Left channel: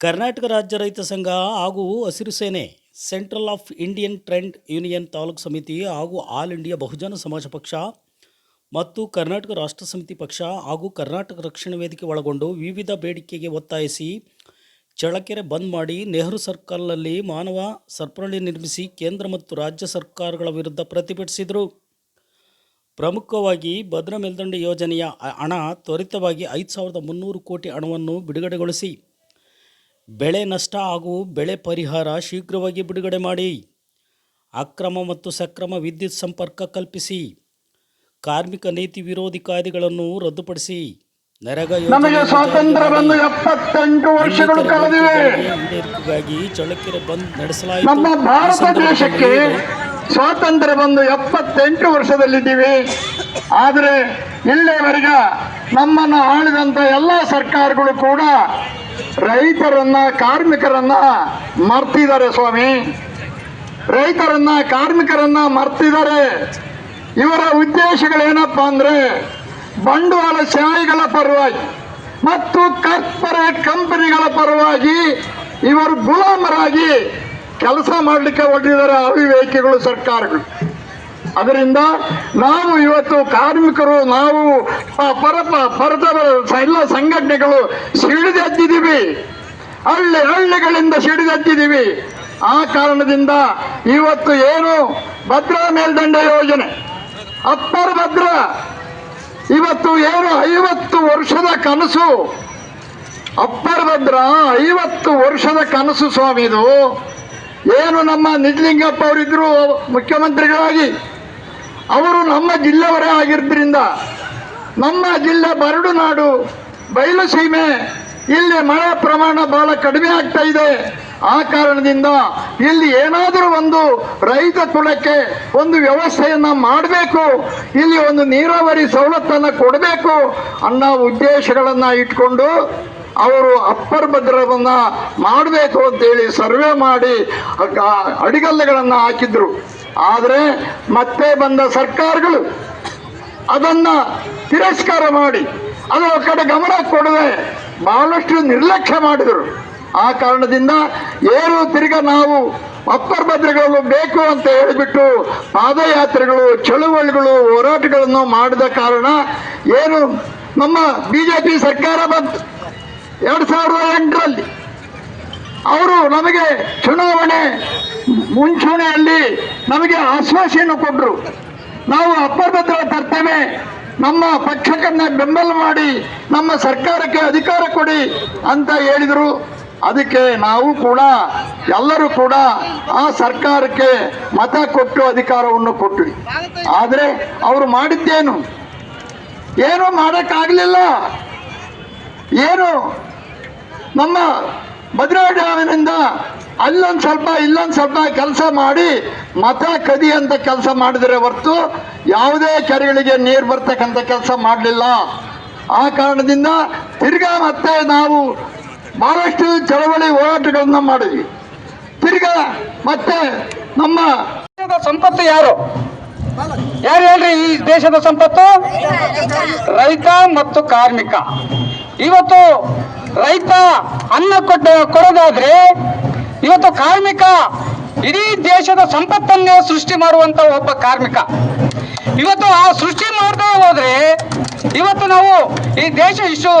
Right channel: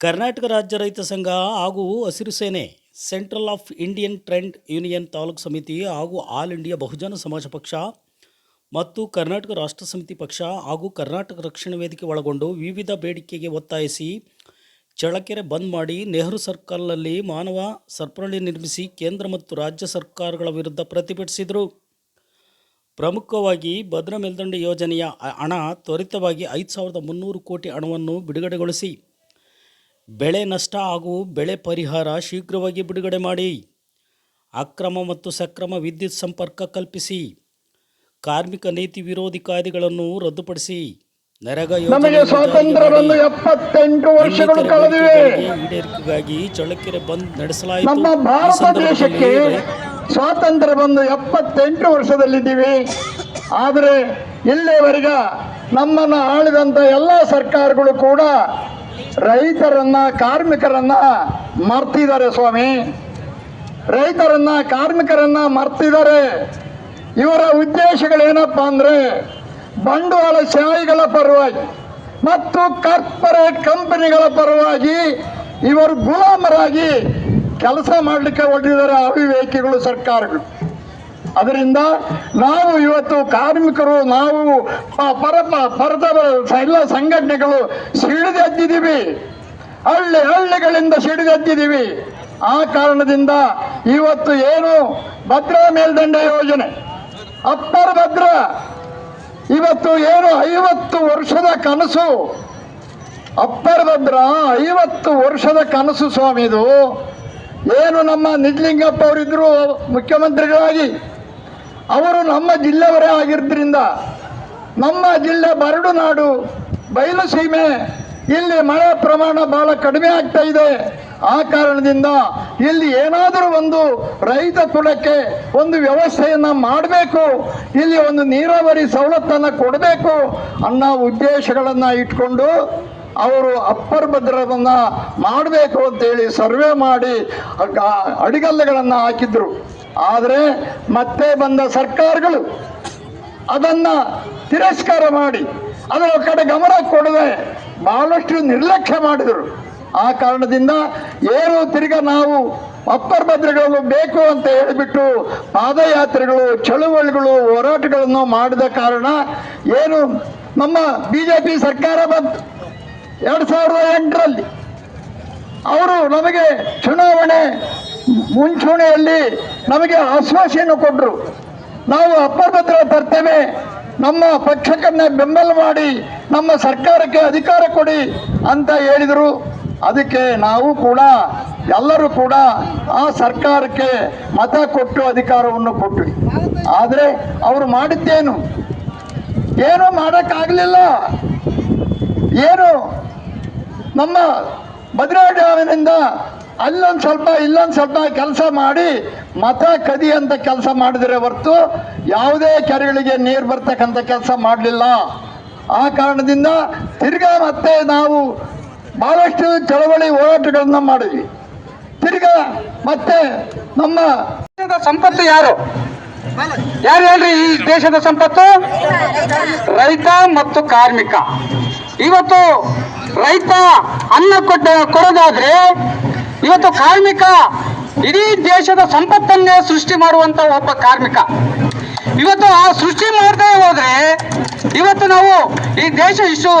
ಕರ್ನಾಟಕ ರಾಜ್ಯ ರೈತ ಸಂಘ ಹಾಗೂ ಹಸಿರು ಸೇನೆ, central of Indian trade union taluk ಸಮಿತಿ ಹಾಗೂ ಆಲ್ ಇಂಡಿಯಾ ಬಹುಜನ ಸಮಾಜ ಪಕ್ಷ ಮತ್ತು ಕರ್ನಾಟಕ ರಾಷ್ಟ್ರ ಸಮಿತಿ ಪಕ್ಷ ಹಾಗೂ ಕರ್ನಾಟಕ ರಕ್ಷಣಾ ವೇದಿಕೆ ಒಳಗೊಂಡು ವಿವಿಧ ಬೇಡಿಕೆಗೆ ಒತ್ತಾಯಿಸಿ ಚಳಕೆರೆ ಬಂದ್ ಮಾಡಿ ನೆಹರು ಸರ್ಕಲ್ನಲ್ಲಿ ಮಾನವ ಸರಪಳಿ ನಿರ್ಮಿಸಿ ಕೇಂದ್ರ ಮತ್ತು ರಾಜ್ಯ ಸರ್ಕಾರಗಳ ವಿರುದ್ಧ ಪ್ರತಿಭಟಿಸಿದರು. ಪ್ರಮುಖವಾಗಿ ಭದ್ರಾ ಮೇಲ್ದಂಡೆ ಯೋಜನೆಯ ಹಣ ತ್ವರಿತವಾಗಿ ಐದು ಸಾವಿರದ ಮುನ್ನೂರು ಕೋಟಿ ಹಣವನ್ನು ಬಿಡುಗಡೆಗೊಳಿಸಿ ಬೆಳೆ ನಷ್ಟ ಹಾಗೂ ಬೆಳೆ ಪರಿಹಾರ ಶೀಘ್ರವಾಗಿ ಬಿಡುಗಡೆ ಮಾಡಿ. ಅಕ್ರಮ ಮತ್ತು ಸಕ್ರಮ ವಿದ್ಯುತ್ ಸಂಪರ್ಕ ಕಲ್ಪಿಸಿ. ಕಾರ್ಮಿಕ ನೀತಿ ವಿರೋಧಿ ಕಾಯ್ದೆಗಳನ್ನು ರದ್ದುಪಡಿಸಿ. ನರಗ ಈಡೇರಿಕೆಗಾಗಿ ಚಳ್ಳಕೆರೆ ಬಂದ್ ನಡೆಸಲಾಯಿತು. ನಮ್ಮ ಈ ಸಂದರ್ಭದಲ್ಲಿ ಸ್ವಾತಂತ್ರ್ಯ ಬಂದು ಎಪ್ಪತ್ತೆಂಟು ವರ್ಷದಲ್ಲಿದ್ದೀವಿ. ಆದರೆ ಇಲ್ಲಿಯವರೆಗೆ ನಮ್ಮನ್ನು ಆಳಿದಂಥ ಎಲ್ಲ ಸರ್ಕಾರಗಳು ಕೂಡ ರೈತರನ್ನ, ಕಾರ್ಮಿಕರನ್ನ ಮರ್ತಿದ್ದಾರೆ ಸ್ವಾಮಿ. ರೈತರನ್ನ, ಕಾರ್ಮಿಕರನ್ನ ಮರ್ತಿದ್ದಾರೆ. ಇವರ ಉದ್ದೇಶಗಳೇನಪ್ಪ ಅಂದ್ರೆ, ಬಂಡವಾಳ ಶಾಹಿಗಳ ಪರವಾಗಿ ಮತ್ತು ಕಾರ್ಪೊರೇಟ್ ಕಂಪನಿಗಳ ಪರವಾಗಿ ಇವರು ಗುಲಾಮರಾಗಿ ಕೆಲಸ ಮಾಡಲಿಕ್ಕೆ ಹೊರಟಿದ್ದಾರೆ ಅವಿವೇಕಿಗಳು ಸರ್ಕಾರಗಳು. ಅದರಿಂದ ನಾವು ಇವತ್ತು ಕಾರ್ಮಿಕರು, ನಾವು ಪರ ಪರದ ಎಲ್ಲ ಸಂಘಟನೆಗಳು ಸಿಡಿದೆದ್ದಿದ್ದೀವಿ ಹಳ್ಳಿ, ಹಳ್ಳಿಗಳಿಂದ ಸಿಡಿದೆದ್ದಿದ್ದೀವಿ ಆ ಕಾರಣದಿಂದ ಇವತ್ತು ಏನು ಭದ್ರಾ ಮೇಲ್ದಂಡ ಯೋಜನೆ, ಅಪ್ಪರ ಭದ್ರಾ, ಇವತ್ತು ಏನು ಐವತ್ತು ವರ್ಷದ ಕನಸು. ಅಪ್ಪರ ಭದ್ರಾ ಐವತ್ತು ವರ್ಷದ ಕನಸು ಸ್ವಾಮಿ ಇದು. ಏನು ನಮ್ಮ ನಿಜಲಿಂಗಪ್ಪ ಅವರಿದ್ರು ಮುಖ್ಯಮಂತ್ರಿಗಳಾಗಿ ಅವರು ನಮ್ಮ ಜಿಲ್ಲೆಯವರೇ ಆಗಿರೋದ್ರಿಂದ ನಮ್ಮ ಜಿಲ್ಲೆ ಬರಡು ನಾಡು, ಬಯಲು ಸೀಮೆ, ಇಲ್ಲಿ ಮಳೆ ಪ್ರಮಾಣ ಬಹಳ ಕಡಿಮೆ ಆಗ್ತಾ ಇದೆ. ಆ ಕಾರಣದಿಂದ ಇಲ್ಲಿ ಏನಾದರೂ ಒಂದು ರೈತ ಕುಲಕ್ಕೆ ಒಂದು ವ್ಯವಸ್ಥೆಯನ್ನು ಮಾಡಬೇಕು, ಇಲ್ಲಿ ಒಂದು ನೀರಾವರಿ ಸವಲತ್ತನ್ನು ಕೊಡಬೇಕು ಅನ್ನೋ ಉದ್ದೇಶಗಳನ್ನು ಇಟ್ಕೊಂಡು ಅವರು ಅಪ್ಪರ್ ಭದ್ರವನ್ನ ಮಾಡಬೇಕು ಅಂತೇಳಿ ಸರ್ವೆ ಮಾಡಿ ಅಡಿಗಲ್ಲುಗಳನ್ನ ಹಾಕಿದ್ರು. ಆದರೆ ಮತ್ತೆ ಬಂದ ಸರ್ಕಾರಗಳು ಅದನ್ನ ತಿರಸ್ಕಾರ ಮಾಡಿ ಅದರ ಕಡೆ ಗಮನ ಕೊಡದೆ ಬಹಳಷ್ಟು ನಿರ್ಲಕ್ಷ್ಯ ಮಾಡಿದರು. ಆ ಕಾರಣದಿಂದ ಏನು ತಿರ್ಗ ನಾವು ಅಪ್ಪರ್ ಭದ್ರಗಳು ಬೇಕು ಅಂತ ಹೇಳಿಬಿಟ್ಟು ಪಾದಯಾತ್ರೆಗಳು, ಚಳುವಳಿಗಳು, ಹೋರಾಟಗಳನ್ನು ಮಾಡಿದ ಕಾರಣ ಏನು ನಮ್ಮ ಬಿಜೆಪಿ ಸರ್ಕಾರ ಬಂತು. ಎರಡು ಸಾವಿರದ ಎಂಟರಲ್ಲಿ ಅವರು ನಮಗೆ ಚುನಾವಣೆ ಮುಂಚೂಣಿಯಲ್ಲಿ ನಮಗೆ ಆಶ್ವಾಸೆಯನ್ನು ಕೊಟ್ಟರು ನಾವು ಅಪ್ಪಭದ್ರ ತರ್ತೇವೆ ನಮ್ಮ ಪಕ್ಷಕ್ಕನ್ನ ಬೆಂಬಲ ಮಾಡಿ ನಮ್ಮ ಸರ್ಕಾರಕ್ಕೆ ಅಧಿಕಾರ ಕೊಡಿ ಅಂತ ಹೇಳಿದರು. ಅದಕ್ಕೆ ನಾವು ಕೂಡ, ಎಲ್ಲರೂ ಕೂಡ ಆ ಸರ್ಕಾರಕ್ಕೆ ಮತ ಕೊಟ್ಟು ಅಧಿಕಾರವನ್ನು ಕೊಟ್ವಿ. ಆದರೆ ಅವರು ಮಾಡಿದ್ದೇನು? ಏನು ಮಾಡೋಕ್ಕಾಗಲಿಲ್ಲ. ಏನು? ನಮ್ಮ ಭದ್ರಾ ಡ್ಯಾಮಿನಿಂದ ಅಲ್ಲೊಂದು ಸ್ವಲ್ಪ, ಇಲ್ಲೊಂದು ಸ್ವಲ್ಪ ಕೆಲಸ ಮಾಡಿ ಮತ ಕದಿ ಅಂತ ಕೆಲಸ ಮಾಡಿದರೆ ಹೊರತು ಯಾವುದೇ ಕೆರೆಗಳಿಗೆ ನೀರು ಬರ್ತಕ್ಕಂಥ ಕೆಲಸ ಮಾಡಲಿಲ್ಲ. ಆ ಕಾರಣದಿಂದ ತಿರ್ಗಾ ಮತ್ತೆ ನಾವು ಬಹಳಷ್ಟು ಚಳವಳಿ ಹೋರಾಟಗಳನ್ನ ಮಾಡಿದ್ವಿ. ತಿರ್ಗಾ ಮತ್ತೆ ನಮ್ಮ ಸಂಪತ್ತು ಯಾರು? ಯಾರು ಹೇಳ್ರಿ ಈ ದೇಶದ ಸಂಪತ್ತು? ರೈತ ಮತ್ತು ಕಾರ್ಮಿಕ. ಇವತ್ತು ರೈತ ಅನ್ನ ಕೊಟ್ಟ ಕೊಡೋದಾದ್ರೆ ಇವತ್ತು ಕಾರ್ಮಿಕ ಇಡೀ ದೇಶದ ಸಂಪತ್ತನ್ನೇ ಸೃಷ್ಟಿ ಮಾಡುವಂತ ಒಬ್ಬ ಕಾರ್ಮಿಕ. ಇವತ್ತು ಆ ಸೃಷ್ಟಿ ಮಾಡದೇ ಹೋದ್ರೆ ಇವತ್ತು ನಾವು ಈ ದೇಶ ಇಷ್ಟು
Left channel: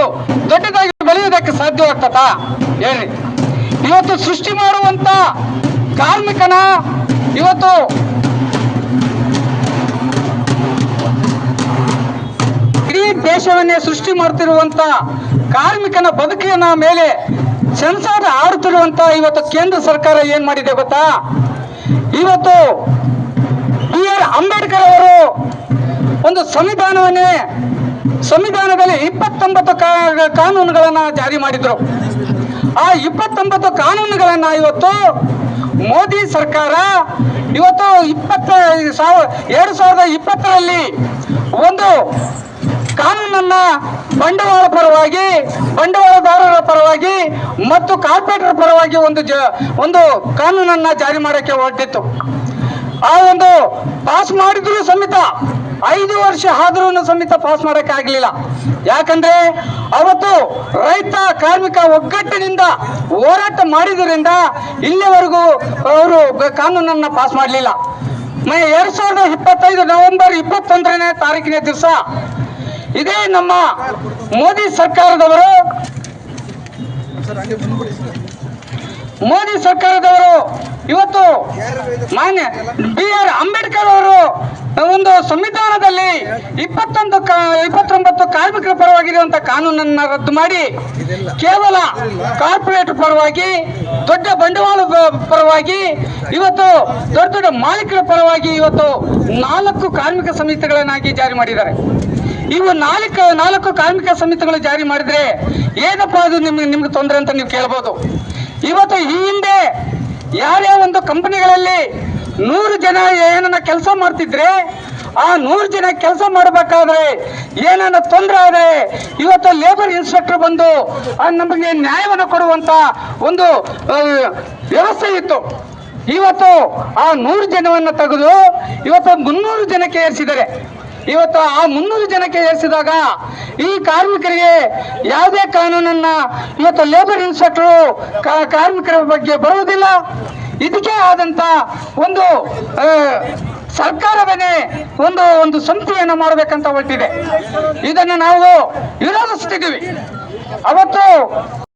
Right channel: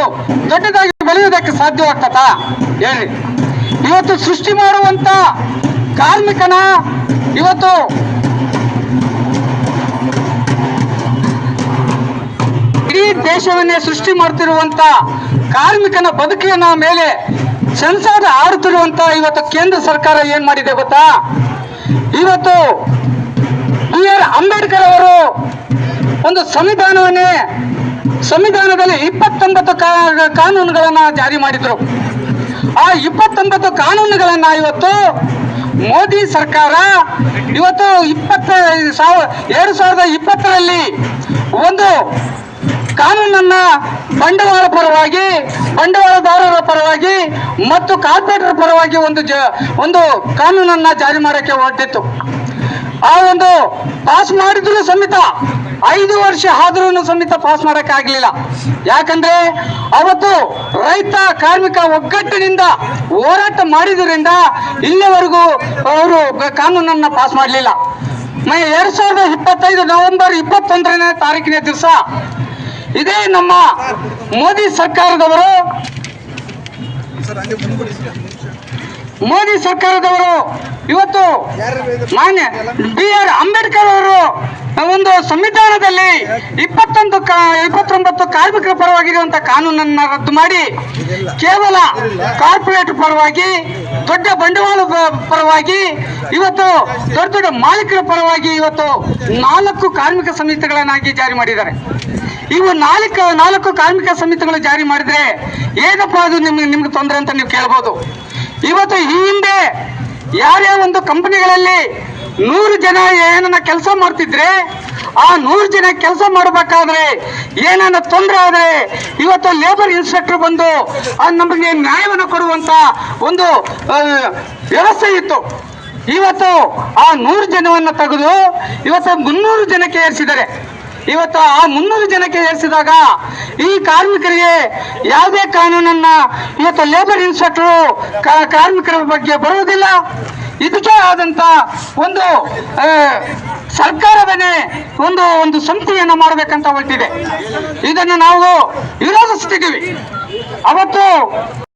ದೊಡ್ಡದಾಗಿ ಬೆಳೆಯುವುದಕ್ಕೆ ಸಾಧ್ಯವಾಗ್ತದ ಹೇಳಿ. ಇವತ್ತು ಸೃಷ್ಟಿ ಮಾಡುವಂತ ಕಾರ್ಮಿಕನ ಇವತ್ತು ಇಡೀ ದೇಶವನ್ನೇ ಸೃಷ್ಟಿ ಮಾಡ್ತಿರುವಂತ ಕಾರ್ಮಿಕನ ಬದುಕಿನ ಮೇಲೆ ಸೆನ್ಸಾರ್ ಆರುತ್ತಿರುವಂತ ಇವತ್ತು ಕೇಂದ್ರ ಸರ್ಕಾರ ಏನ್ ಮಾಡಿದೆ ಗೊತ್ತಾ? ಇವತ್ತು ಬಿ ಆರ್ ಅಂಬೇಡ್ಕರ್ ಅವರು ಒಂದು ಸಂವಿಧಾನವನ್ನೇ, ಸಂವಿಧಾನದಲ್ಲಿ ಇಪ್ಪತ್ತೊಂಬತ್ತು ಕಾನೂನುಗಳನ್ನ ಜಾರಿ ಮಾಡಿದ್ರು. ಆ ಇಪ್ಪತ್ತೊಂಬತ್ತು ಕಾನೂನುಗಳನ್ನ ಇವತ್ತು ಮೋದಿ ಸರ್ಕಾರ ಇವತ್ತು ಇಪ್ಪತ್ತ, ಸಾವಿರ, ಎರಡು ಸಾವಿರದ ಇಪ್ಪತ್ತರಲ್ಲಿ ಒಂದು ಕಾನೂನನ್ನ ಬಂಡವಾಳ ಪರವಾಗಿ, ಬಂಡವಾಳದಾರರ ಪರವಾಗಿ ಮತ್ತು ಕಾರ್ಪೊರೇಟರ್ ಪರವಾಗಿ ಒಂದು ಒಂದು ಕಾನೂನನ್ನ ಜಾರಿ ಮಾಡಕ್ಕೆ ಹೊರಟಿತ್ತು. ಆ ಒಂದು ಪಾಸ್ ಮಾಡಿದ್ರು ಸಮೇತ ಐದು ವರ್ಷ ಆದ್ರೂ ಸಮೇತ ಪಾಸ್ ಮಾಡಕ್ ಆಗ್ಲಿಲ್ಲ. ಯಾಕಂದ್ರೆ ಅವತ್ತು ರೈತ ಕಾರ್ಮಿಕ ಒಗ್ಗಟ್ಟಿನಿಂದ ಹೋರಾಟ ಮಾಡಿದ್ರಿಂದ ಇಲ್ಲಿವರೆಗೂ ಅವರು ಕಾನೂನನ್ನ ಪಾಸ್ ಮಾಡಲಿಲ್ಲ. ಎರಡ್ ಸಾವಿರದ ಇಪ್ಪತ್ತೈದು ನವೆಂಬರ್ ಇಪ್ಪತ್ತೊಂದರನೇ ತಾರೀಕಿನ ದಿವಸ ಇದೇ ನಮ್ಮ ಮೋದಿ ಸರ್ಕಾರದವರು. ಮೋದಿ ಸರ್ಕಾರದವರು ಇವತ್ತು ಮಾನ್ಯ ಬಿ ಆರ್ ಅಂಬೇಡ್ಕರ್ ಅವರು ಒಂದು ಸಂವಿಧಾನದಲ್ಲಿ ಇಪ್ಪತ್ತೊಂದು ಇಪ್ಪತ್ತೊಂಬತ್ತು ಕಾರ್ಮಿಕರ ಪರವಾಗಿರುವಂತ ಕಾನೂನನ್ನ ರದ್ದು ಮಾಡಿ ಕೇವಲ ಕಾರ್ಪೊರೇಟ್ ಪರವಾಗಿ, ದೊಡ್ಡ ಬಂಡವಾಳ ಪರವಾಗಿ, ಇವತ್ತು ದೊಡ್ಡ ದೊಡ್ಡ ಮಾಲೀಕರ ಪರವಾಗಿ ಇವತ್ತು ನಾಲ್ಕು ಕಾರ್ಮಿಕ ಸಂಹಿತೆಗಳನ್ನಾಗಿ ಜಾರಿ ಮಾಡಿದ್ದಾರೆ. ಇವು ನಾಲ್ಕು ನಾಲ್ಕು ಕಾರ್ಮಿಕ ಸಮಿತಿಗಳು ಜಾರಿ ಮಾಡಿದ್ರೆ ಏನಪ್ಪ ಅದು ನಿಮ್ಗೆ ನಿಮ್ಗೆ ತೊಂದರೆ ಅಂತ ನೀವು ಕೇಳ್ಬೋದು. ಇವತ್ತು ಈ ಹಿಂದೆ ಯಾರ್ಯಾವ ಒಂದು ಕಂಪನಿಗಳಲ್ಲಿ ನೂರು ಜನ ಏನನ್ನ ಕೆಲಸ ಮಾಡ್ತಿದ್ರೆ, ಆ ನೂರು ಜನ ಕೆಲಸ ಮಾಡಬೇಕಾದ್ರೆ ಏನನ್ನ ತೊಂದರೆ ಆದರೆ ಇವತ್ತು ಲೇಬರ್ ಇನ್ಸ್ಪೆಕ್ಟರ್ ಬಂದು ನಮಗೆ ನ್ಯಾಯವನ್ನು ಕೊಡುವಂತ ಒಂದು ವ್ಯವಸ್ಥೆ ಇತ್ತು. ಇವತ್ತು ಆ ನೂರು ಜನವನ್ನು ತೆಗೆದು ಇವತ್ತು ಮುನ್ನೂರು ಜನಕ್ಕೆ ಏರಿಸಿದ್ದಾರೆ. ಇವತ್ತು ಆ ಮುನ್ನೂರು ಜನಕ್ಕೆ ಏರಿಸಿದಾಗ ಈ ಕಾರ್ಮಿಕರಿಗೆ ಯಾವುದೇ ಕಾನೂನನ್ನ ಇವತ್ತು ಲೇಬರ್ ಇನ್ಸ್ಪೆಕ್ಟರ್ ಕಾರ್ಮಿಕರ ಬಗ್ಗೆ ಬರುವುದಿಲ್ಲ. ಇದಕ್ಕೆ ಆದಂತ ಒಂದು ಸರ್ಕಾರವೇ ಒಂದು ಒಂದು ಸಂಸ್ಥೆಯನ್ನು ಮಾಡಬೇಕಂತ ಹೊರಟಿದೆ. ಇದನ್ನು ನಾವು ವಿರೋಧಿಸ್ತಿದ್ದೀವಿ. ಅವತ್ತು